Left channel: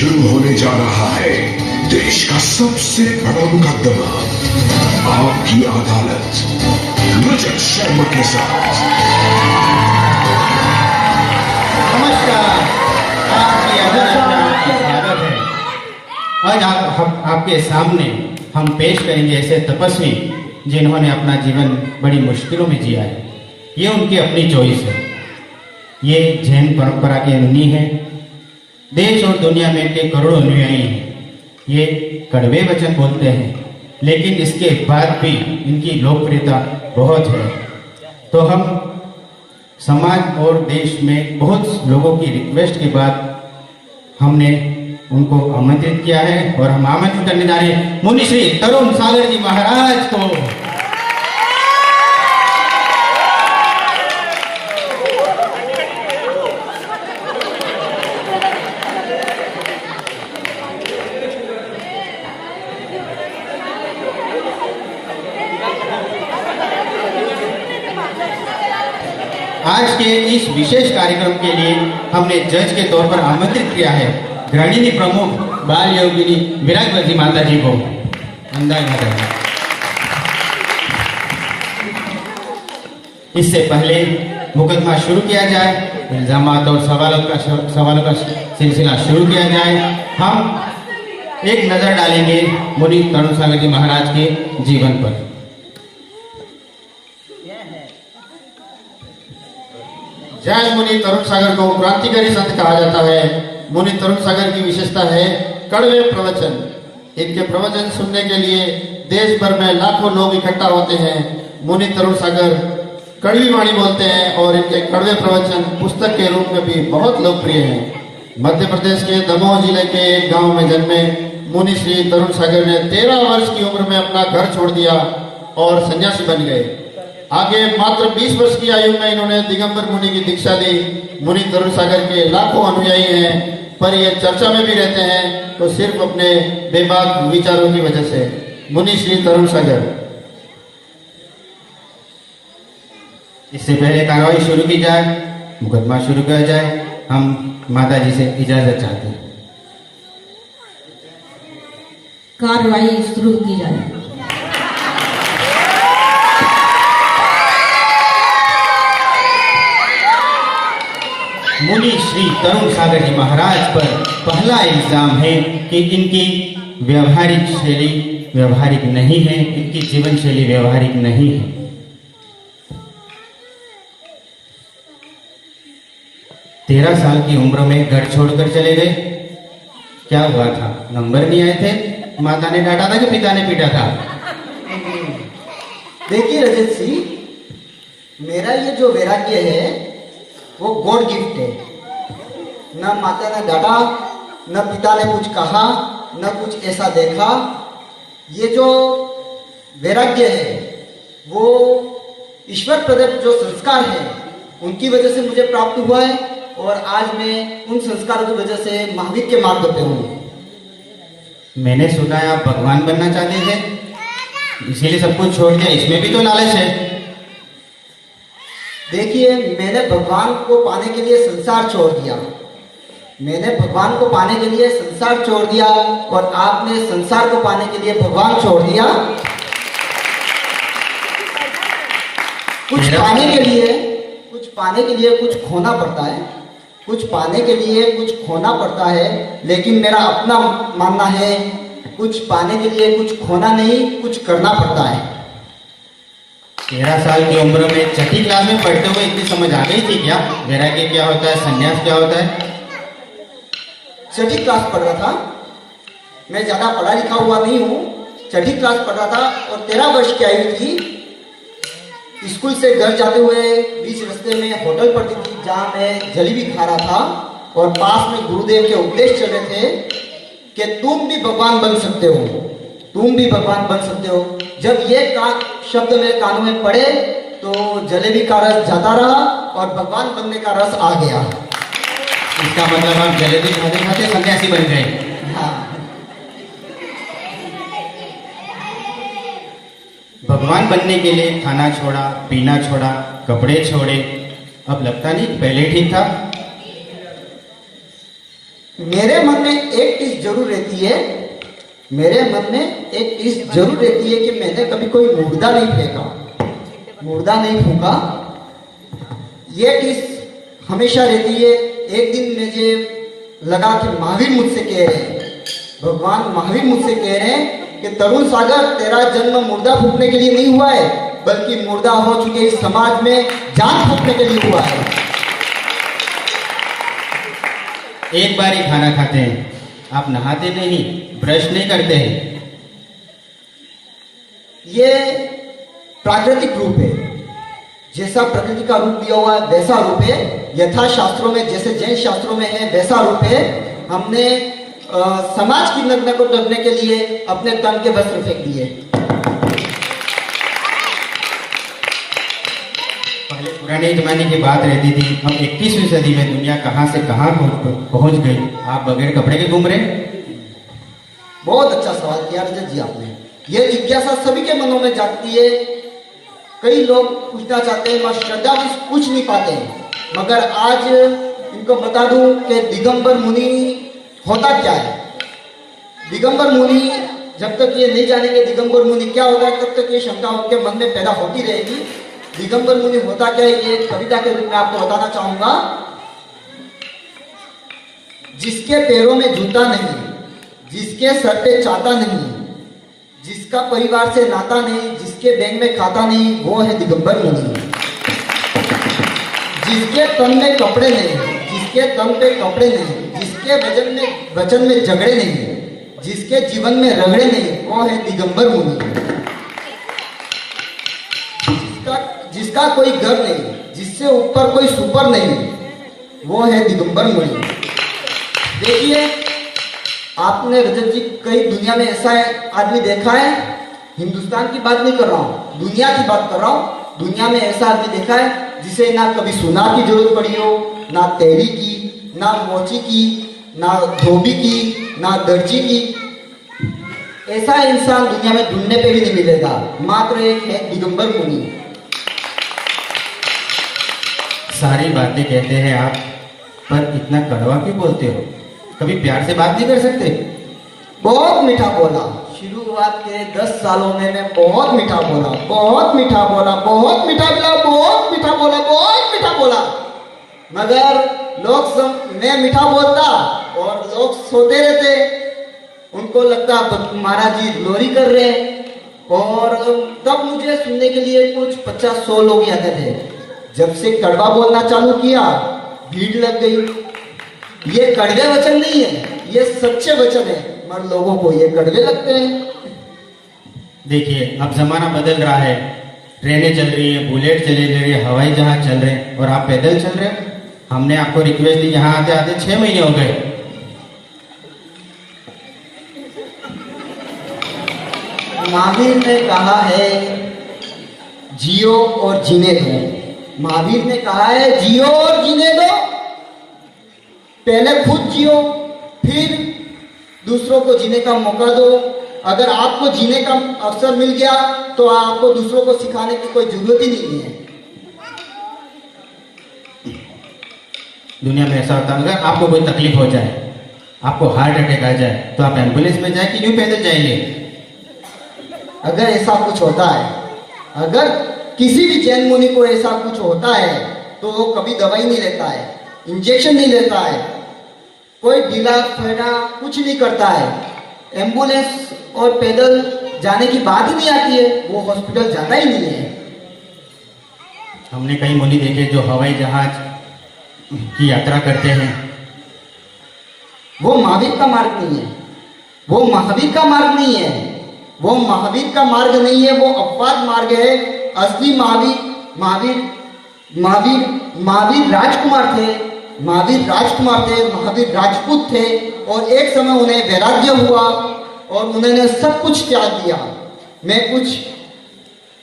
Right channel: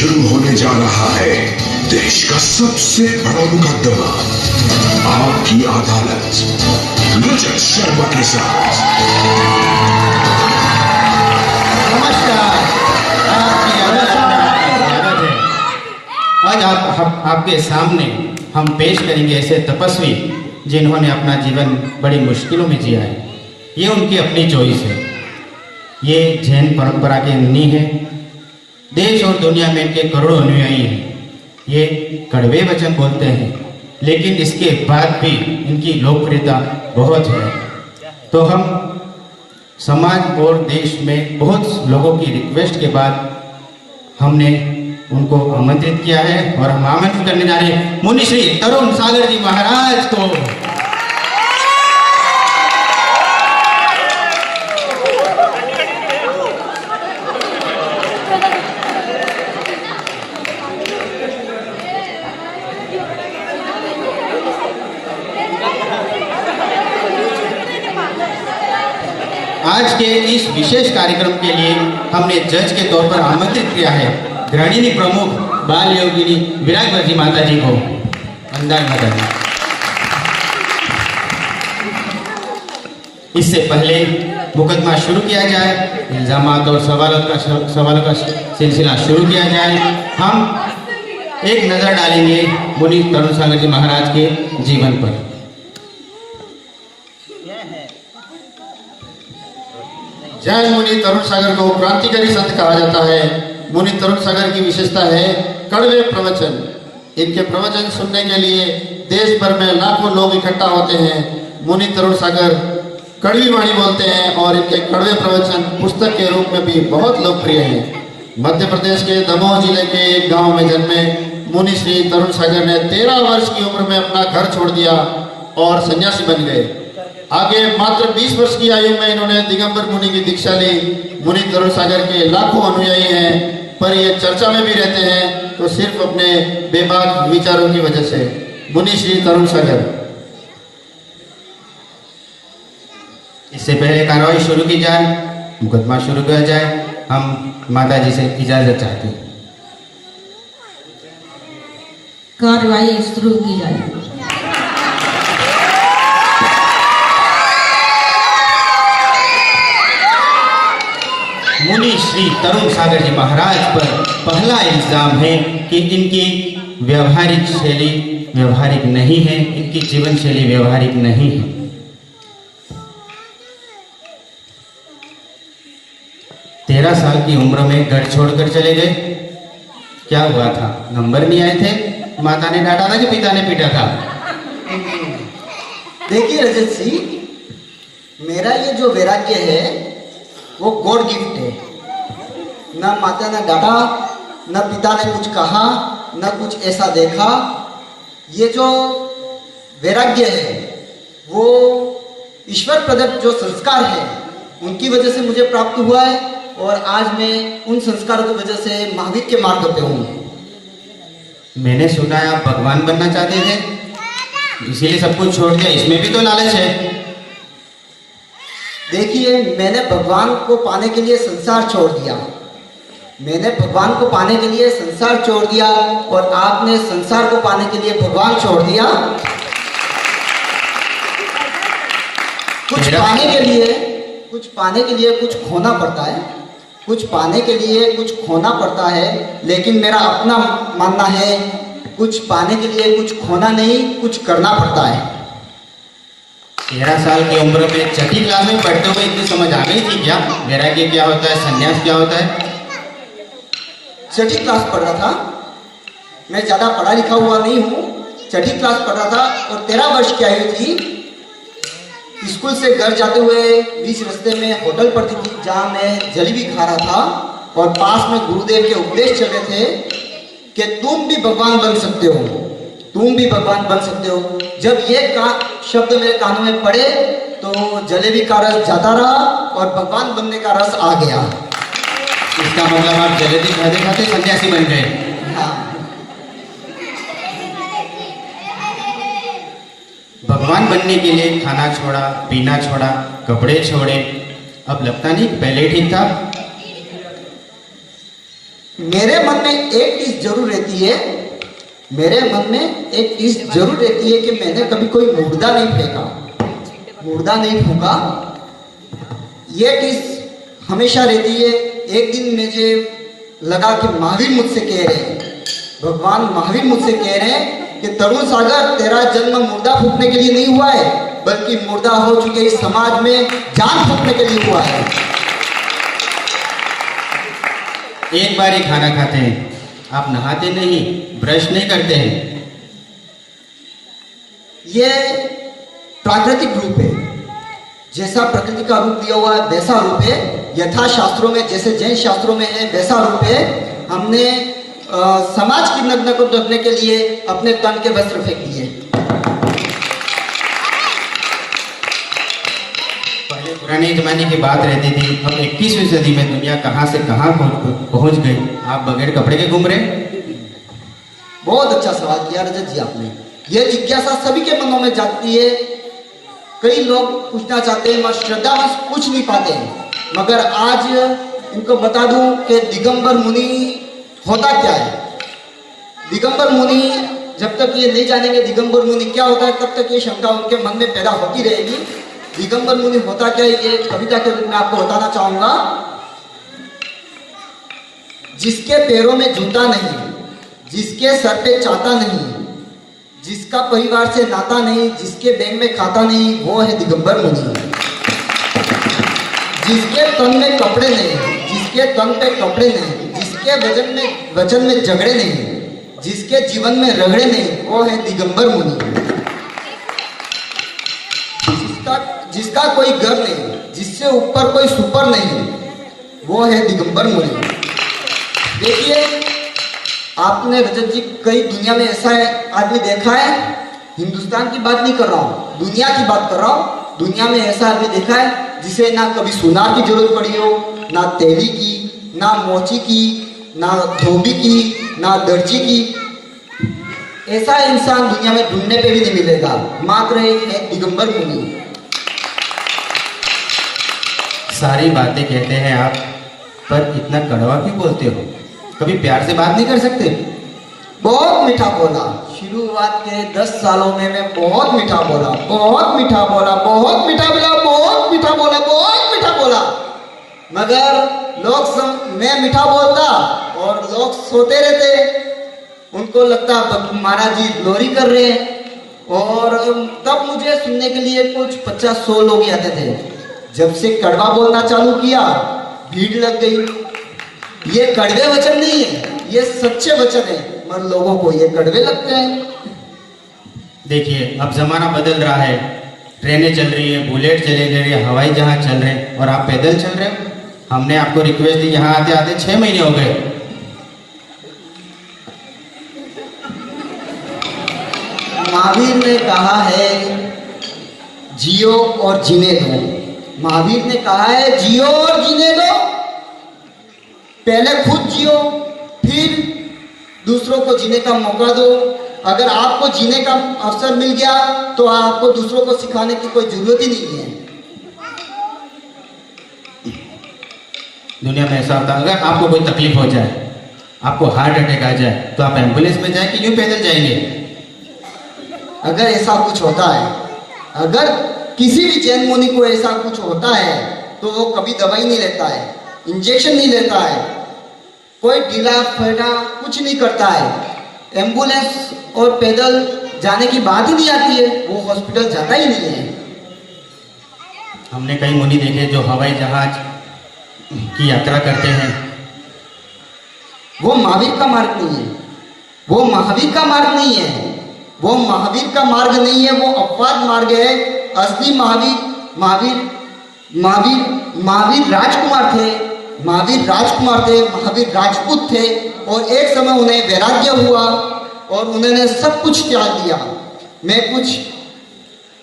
शुरू होने जा रहा है देश का सबसे बड़ा मुकदमा, आपकी अदालत, रजत शर्मा के साथ। नमस्कार, आपकी अदालत में स्वागत है। आज आपके सामने हम पेश करेंगे ऐसे तपस्वी जिन्होंने अपना जीवन बड़ी मुश्किलों में जिया है। ये उनकी अपनी चॉइस है। ये जैन परंपरा के मुनि हैं। देश और दुनिया में इनके करोड़ों अनुयायी हैं। ये कड़वे वचन बोलते हैं, लेकिन इसके बाद भी इनकी लोकप्रियता बहुत है। तो हम समाज और देश में बहुत लोगों की रिक्वेस्ट के बाद हमने उनको आमंत्रित किया है और हम आमंत्रित करने जा रहे हैं मुनि श्री तरुण सागर जी महाराज को। आज के इस विशेष कार्यक्रम के लिए हमने जज के तौर पर आमंत्रित किया है गृहिणी प्रमुख बाल योगिनी विराजवती माता जी को। इससे पहले मुकदमा शुरू किया जाए, इल्जामात और सवालों का सिलसिला शुरू किया जाए, हम एक नजर डालेंगे मुनि तरुण सागर जी महाराज के जीवन पर। जैन मुनि तरुण सागर को क्रांतिकारी संत कहा जाता है। मुनि तरुण सागर की विशेषता है कड़वे प्रवचन। इनके प्रवचन सुनने के लिए देश भर में लाखों लोग इकट्ठा होते हैं। मुनि तरुण सागर कड़वी वाणी बोलते हैं और इनके कड़वे प्रवचन पुस्तक के रूप में भी बहुत लोकप्रिय हैं। मध्य प्रदेश के दमोह जिले के एक गांव में जन्मे मुनि श्री तरुण सागर ने 13 वर्ष की उम्र में अपना घर छोड़ दिया और सन्यासी बन गए। आगे मात्र 20 वर्ष की आयु में इन्होंने दिगंबर मुनि की दीक्षा ली। मुनि तरुण सागर के लाखों अनुयायी हैं, पर ये चर्चा में भी रहते हैं तो सिर्फ अपने बेबाक विचारों की वजह से। मुनि श्री तरुण सागर। इससे पहले कार्रवाई शुरू की जाए, मुकदमा शुरू किया जाए, हम माता जी से इजाजत चाहते हैं। कार्रवाई शुरू की जाए। मुनि श्री तरुण सागर जी महाराज पर पहला इल्जाम है कि इनकी व्यवहारिक शैली व्यवहारिक नहीं है, इनकी जीवन शैली व्यवहारिक नहीं है। तेरह साल की उम्र में घर छोड़कर चले गए। क्या हुआ था? नंबर नहीं आए थे, माता ने डांटा था कि पिता ने पीटा था? देखिए रजत सिंह, मेरा ये जो वैराग्य है वो गॉड गिफ्ट है। न माता ने डांटा, न पिता ने कुछ कहा, न कुछ ऐसा देखा। ये जो वैराग्य है वो ईश्वर प्रदत्त जो संस्कार है उनकी वजह से मुझे प्राप्त हुआ है और आज मैं उन संस्कारों की वजह से महावीर के मार्ग पे हूँ। मैंने सुना आप भगवान बनना चाहते थे, इसीलिए सब कुछ छोड़ दिया। इसमें भी तो लालच है। देखिए, मैंने भगवान को पाने के लिए संसार छोड़ दिया। मैंने भगवान को पाने के लिए संसार छोड़ दिया और आपने संसार को पाने के लिए भगवान छोड़ दिया। कुछ पाने के लिए कुछ खोना पड़ता है। कुछ पाने के लिए कुछ खोना पड़ता है, लेकिन मेरा अपना मानना है कुछ पाने के लिए कुछ खोना नहीं, कुछ करना पड़ता है। 13 साल की उम्र में छठी क्लास में पढ़ते हुए इतनी समझ आ गई थी क्या? वैराग्य क्या होता है, संन्यास क्या होता है? छठी क्लास पढ़ रहा था। मैं ज्यादा पढ़ा लिखा हुआ नहीं हूँ। छठी क्लास पढ़ रहा था और 13 वर्ष की आयु थी। स्कूल से घर जाते हुए बीच रास्ते में होटल पड़ती थी जहाँ मैं जलेबी खा रहा था और पास में गुरुदेव के उपदेश चल रहे थे कि तुम भी भगवान बन सकते हो, तुम भी भगवान बन सकते हो। जब ये शब्द मेरे कान में पड़े तो जलेबी का रस जाता रहा और भगवान बनने का रस आ गया। इसका मतलब आप जलेबी खाते खाते सन्यासी बन गए। भगवान बनने के लिए खाना छोड़ा, पीना छोड़ा, कपड़े छोड़े। अब लगता नहीं पहले ठीक था। मेरे मन में एक चीज जरूर रहती है, मेरे मन में एक चीज जरूर रहती है कि मैंने कभी कोई मुर्दा नहीं फेंका, मुर्दा नहीं फूका। ये चीज हमेशा रहती है। एक दिन मुझे लगा कि महावीर मुझसे कह रहे हैं, भगवान महावीर मुझसे कह रहे हैं कि तरुण सागर, तेरा जन्म मुर्दा फूकने के लिए नहीं हुआ है, बल्कि मुर्दा हो चुके इस समाज में जान फूकने के लिए हुआ है। एक बार ही खाना खाते हैं, आप नहाते नहीं, ब्रश नहीं करते हैं। ये प्राकृतिक रूप है, जैसा प्रकृति का रूप लिया हुआ वैसा रूप है। यथा शास्त्रों में, जैसे जैन शास्त्रों में है वैसा रूप है। हमने समाज की नग्न को ढकने के लिए अपने तन के वस्त्र फेंक दिए। पहले पुराने जमाने की बात रहती थी, अब 21वीं सदी में दुनिया कहाँ से कहाँ पहुँच गई, आप बगैर कपड़े के घूम रहे। बहुत अच्छा सवाल किया रजत जी आपने। ये जिज्ञासा सभी के मनों में जागती है। कई लोग पूछना चाहते हैं, मगर श्रद्धा में पूछ नहीं पाते हैं। मगर आज इनको बता दूं कि दिगंबर मुनि होता क्या है। दिगंबर मुनि, जब तक ये नहीं जानेंगे दिगंबर मुनि क्या होता है, तब तक ये शंका उनके मन में पैदा होती रहेगी। दिगंबर मुनि होता क्या है, ये कविता के रूप में आपको बताना चाहूंगा। जिसके पैरों में जूता नहीं, जिसके सर पे चाटा नहीं, जिसका परिवार से नाता नहीं, जिसके बैंक में खाता नहीं, वो है दिगंबर मुनि। जिसके तन में कपड़े नहीं, जिसके तन पे कपड़े नहीं, जिसके वचन में झगड़े नहीं, जिसके जीवन में रगड़े नहीं, वो है दिगंबर मुनि। जिसका कोई घर नहीं, जिससे ऊपर कोई सुपर नहीं, वो है दिगंबर मुनि। देखिए, आपने रजत जी कई दुनिया में ऐसा है आदमी देखा है, हिंदुस्तान की बात नहीं कर रहा हूँ, दुनिया की बात कर रहा हूँ। दुनिया में ऐसा आदमी देखा है जिसे ना कभी सुनार की जरूरत पड़ी हो, ना तेली की, ना मोची की, ना धोबी की, ना दर्जी की। ऐसा इंसान दुनिया में ढूंढने पे भी नहीं मिलेगा। मात्र एक है दिगंबर मुनि। सारी बातें कहते हैं आप, पर इतना कड़वा क्यों बोलते हो? कभी प्यार से बात नहीं कर सकते? बहुत मीठा बोला। शुरुआत के 10 सालों में मैं बहुत मीठा बोला, बहुत मीठा बोला, बहुत मीठा बोला, बहुत मीठा बोला, बहुत मीठा बोला। मगर मैं मीठा बोलता और लोग सोते रहते। उनको लगता महाराज जी लोरी कर रहे। और तब मुझे सुनने के लिए कुछ 50-100 लोग ही आते थे। जब से कड़वा बोलना चालू किया, भीड़ लग गई। ये कड़वे वचन नहीं है, ये सच्चे वचन है, मगर लोगों को ये कड़वे लगते हैं। देखिए, अब जमाना बदल रहा है, ट्रेनें चल रही है, बुलेट चले जा रही है, हवाई जहाज चल रहे हैं, और आप पैदल चल रहे हैं। हमने आपको रिक्वेस्ट दी, यहाँ आते आते 6 महीने हो गए। महावीर ने कहा है जियो और जीने दो। महावीर ने कहा है जियो और जीने दो। पहले खुद जियो, फिर दूसरों को जीने का मौका दो। अगर आपको जीने का अवसर मिल गया तो आपको दूसरों को सिखाने की कोई जरूरत ही नहीं है। दुनिया में ऐसा होता है, अगर आपको कोई तकलीफ हो जाए, आपको हार्ट अटैक आ जाए, तो आप एम्बुलेंस में जाए कि यूं पैदल जाएंगे? अगर ऐसा कुछ होता है, अगर किसी भी जैन मुनि को ऐसा कुछ होता है, तो वो कभी दवाई नहीं लेता है, इंजेक्शन नहीं लेता है, कोई ढीला फैला कुछ नहीं करता है। एम्बुलेंस और पैदल जाने की बात ही नहीं आती है, वो हॉस्पिटल जाता ही नहीं है। हमने कई मुनि देखे जो हवाई जहाज की यात्रा करते हैं। वो महावीर का मार्ग नहीं है, वो महावीर का मार्ग नहीं है, वो महावीर का मार्ग नहीं है, वो अपवाद मार्ग है। असली महावीर राजकुमार थे, महावीर राजपूत थे, और एक समय उन्हें वैराग्य हुआ और उन्होंने सब कुछ त्याग दिया। मैं कुछ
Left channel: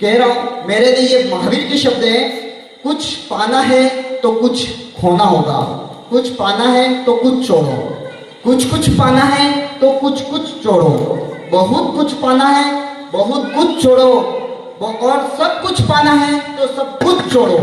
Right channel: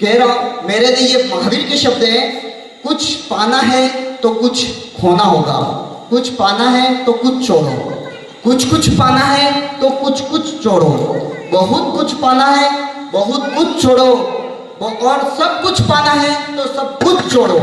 कह रहा हूं, मेरे लिए ये महावीर के शब्द हैं। कुछ पाना है तो कुछ खोना होगा, कुछ पाना है तो कुछ छोड़ो, कुछ पाना है तो कुछ छोड़ो, बहुत कुछ पाना है, बहुत कुछ छोड़ो, और सब कुछ पाना है तो सब कुछ छोड़ो।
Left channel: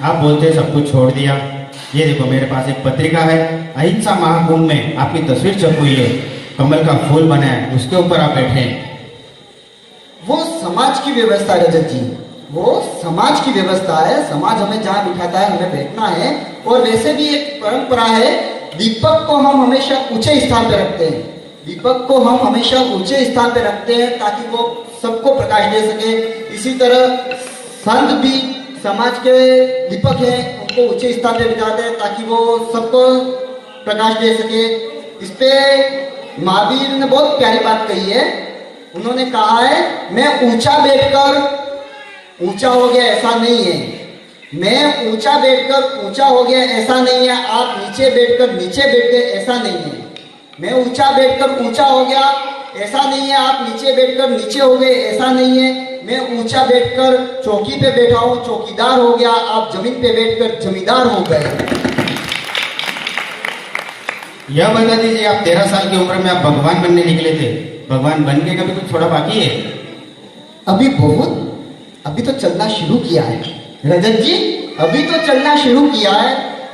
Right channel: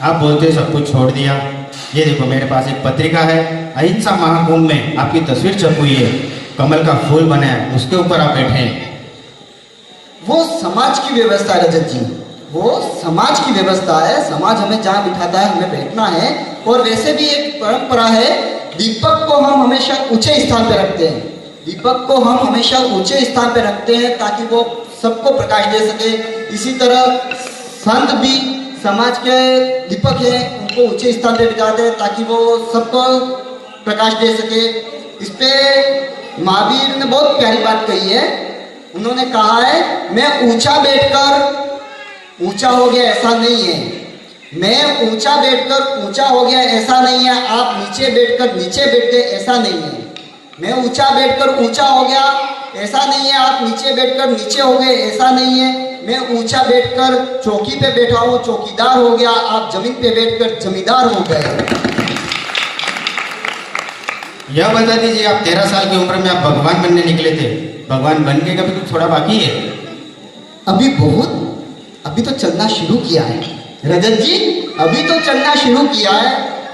आप बोलते सब कुछ छोड़ दिया, ये देखो मेरे पास एक पत्रिका है, अहिंसा महाकुंभ में आपकी तस्वीर छप हुई है, कमल का फूल बना है, उसके ऊपर आप बैठे हैं। वो समाज की व्यवस्था है रजत जी, वो समाज की व्यवस्था है। समाज हमें जहाँ बिठाता है हमें बैठना है। और वैसे भी एक परंपरा है, दीपक को हम हमेशा ऊंचे स्थान पे रखते हैं। दीपक को हम हमेशा ऊंचे स्थान पे रखते हैं ताकि वो सबको प्रकाश दे सके। इसी तरह संत भी समाज के दीपक हैं, उनको ऊंचे स्थान पे बिठाते हैं ताकि वो सबको प्रकाश दे सके। इस पे महावीर ने बहुत प्यारी बात कही है। उन्होंने कहा है, मैं ऊंचा बैठकर ऊंचा हो गया ऐसा नहीं है, मैं ऊंचा बैठकर ऊंचा हो गया ऐसा नहीं है, आप नीचे बैठकर नीचे बैठ गए ऐसा नहीं है। मैं ऊंचा बैठकर ऊंचा हो गया ऐसा नहीं है, आप नीचे बैठकर नीचे हो गए ऐसा नहीं है। मैं ऊंचा बैठकर चौकी पे बैठा हूँ, चौकीदार हो गया, आप जमीन पे बैठकर जमींदार हो गए। यह बता दीजिए, आप 13 साल की उम्र में आप भगवान बनने निकले थे, भगवान बन के कभी कुछ थोड़ा बाकी है? अभी तो चलना शुरू किया है रजत जी, अभी तो चलना शुरू किया है।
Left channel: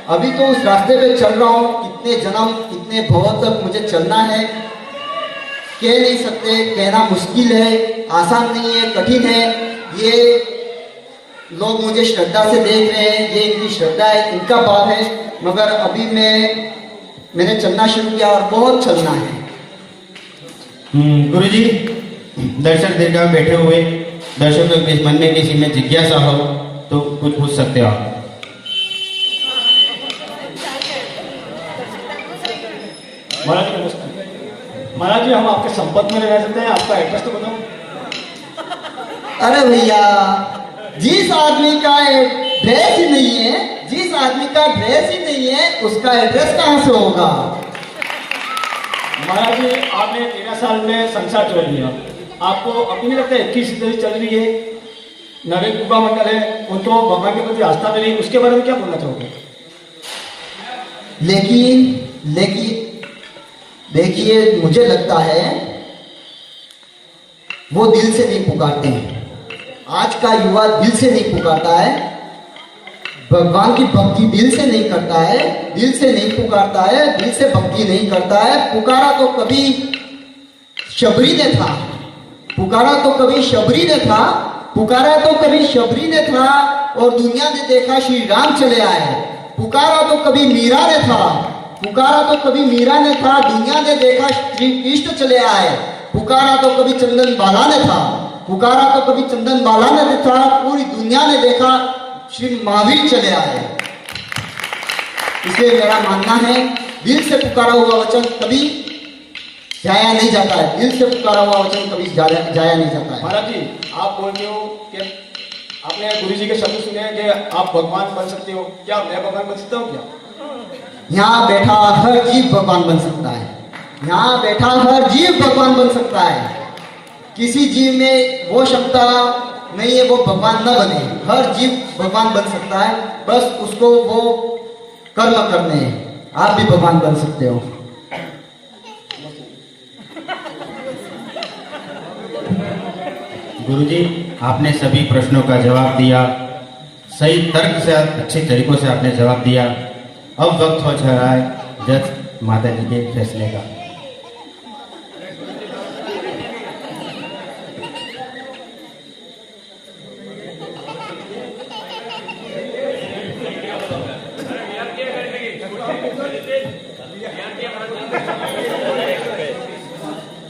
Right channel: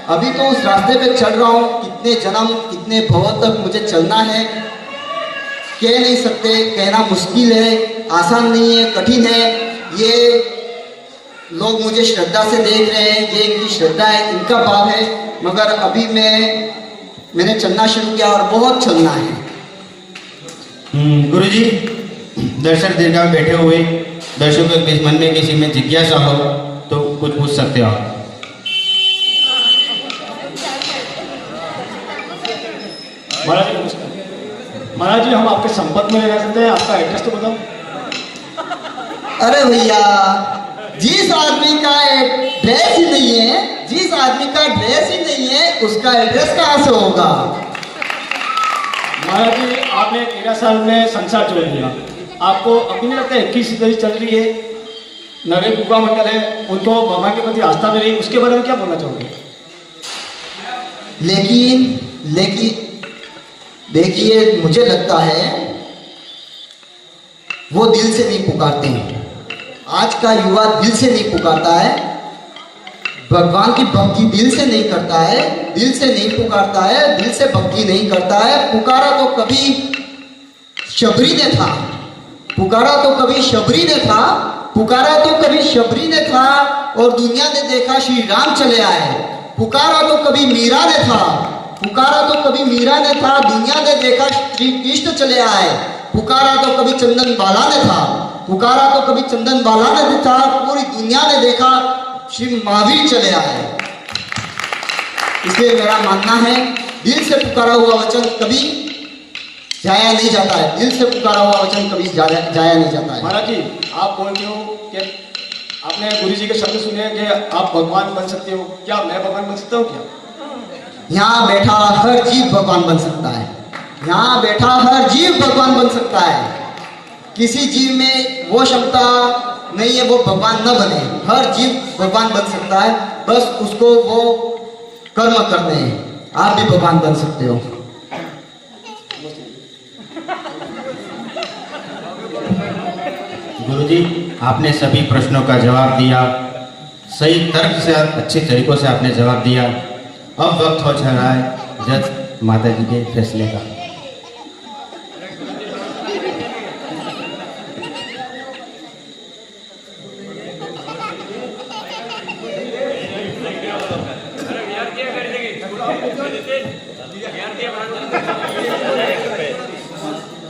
अभी तो उस रास्ते पे चल रहा हूँ। कितने जन्म कितने भव तक मुझे चलना है कह नहीं सकते, कहना मुश्किल है, आसान नहीं है, कठिन है। ये लोग मुझे श्रद्धा से देख रहे हैं, ये इनकी श्रद्धा है, इनका भाव है, मगर अभी मैंने चलना शुरू किया और बहुत चलना है। गुरुजी, दर्शक दीर्घा में बैठे हुए दर्शकों के मन में किसी में जिज्ञासा हो तो कुछ पूछ सकते हो आप। महाराज जी नमस्कार। महाराज जी, हम आपके संपर्क में रह सकते हैं? आपका एड्रेस तो बताओ। अरे भैया, जिस आदमी का ड्रेस ही नहीं है, जिस आदमी का ड्रेस ही नहीं है, उसका एड्रेस कहाँ से होगा? महाराज जी, आपने 13 साल में संसार जोड़ लिया, आपको अभी नहीं लगता 21 सदी चल रही है, नगर कुका मंगल है, उनको भगवान के प्रति आस्था मिली, उसके बारे में क्या बोलना चाहोगे? लेकिन देखिए, मुझे लगता है वो दिल से नहीं पुकारते हैं। आज का युवा दिल से नहीं पुकारता है, भगवान की भक्ति दिल से नहीं करता है, दिल से नहीं पुकारता है, दिल से भक्ति नहीं करता है। पुकारा तो कभी शबरी ने था, पुकारा तो कभी शबरी ने था, पुकारा तो कभी शबरी ने था और दुनिया ने देखा श्री राम चले आए। पुकारा तो कभी मीरा ने था, पुकारा तो कभी मीरा ने था, दुनिया ने देखा श्री कृष्ण चले आए। पुकारा तो कभी चंदन बाला ने था, पुकारा तो कभी चंदन बाला ने था, पूरी दुनिया ने देखा श्री महावीर चले आए। इसलिए मेरा मानना है, दिल से पुकारा हुआ वचन कभी जाया नहीं जाता है, दिल से पुकारा हुआ वचन कभी जाया नहीं जाता है। महाराज जी, आप बोलते हो कि आपने गुरु जी के शब्द सुने कि आप भगवान बन सकते हो, क्या मैं भगवान बन सकता हूँ क्या? यहाँ बैठा हर जीव भगवान बन सकता है, यहाँ बैठा हर जीव भगवान बन सकता है। किसी जीव में वो क्षमता नहीं है वो भगवान न बने, हर जीव भगवान बन सकता है, बस उसको वो कर्म करने हैं। आप भी भगवान बन सकते हो। गुरुजी, आपने सभी प्रश्नों का जवाब दिया, सही तर्क से अच्छे तरीकों से आपने जवाब दिया। अब वक्त हो रहा है जज माता जी के फैसले का।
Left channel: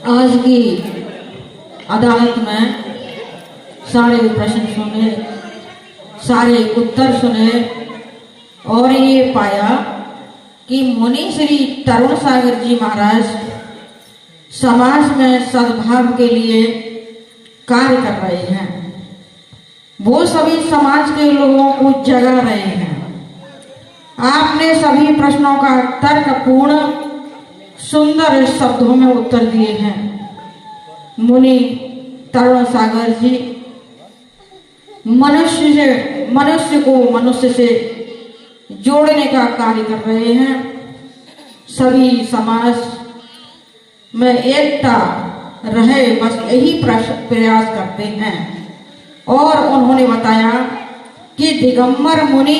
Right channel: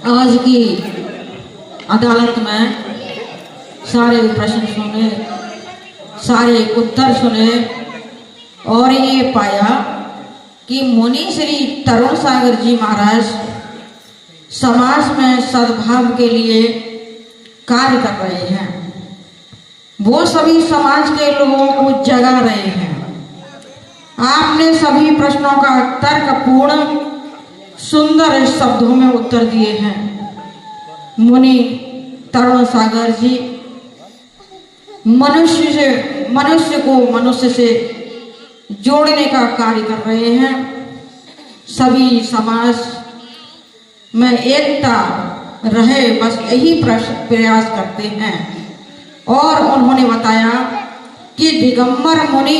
आज की अदालत में सारे प्रश्न सुने, सारे उत्तर सुने और ये पाया कि मुनि श्री तरुण सागर जी महाराज समाज में सद्भाव के लिए कार्य कर रहे हैं। वो सभी समाज के लोगों को जगा रहे हैं। आपने सभी प्रश्नों का तर्कपूर्ण सुंदर शब्दों में उत्तर दिए हैं। मुनि तरुण सागर जी मनुष्य को मनुष्य से जोड़ने का कार्य कर रहे हैं। सभी समाज में एकता रहे, बस यही प्रयास करते हैं। और उन्होंने बताया कि दिगंबर मुनि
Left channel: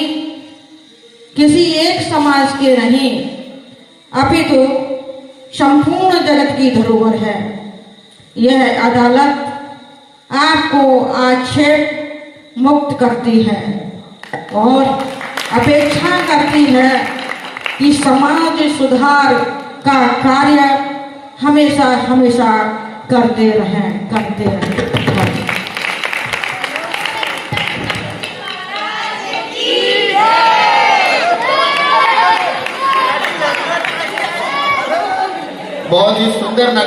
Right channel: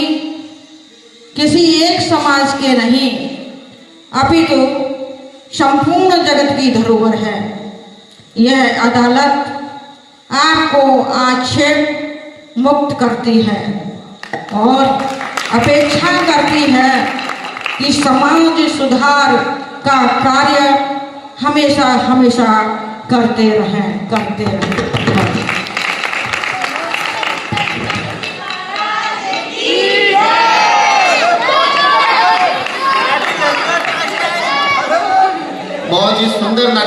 किसी एक समाज के नहीं अपितु संपूर्ण जगत की धरोहर है। यह अदालत आपको आक्षेप मुक्त करती है और अपेक्षा करती है कि समाज सुधार का कार्य हमेशा हमेशा करते रहें। बहुत ही सुंदर नाटिका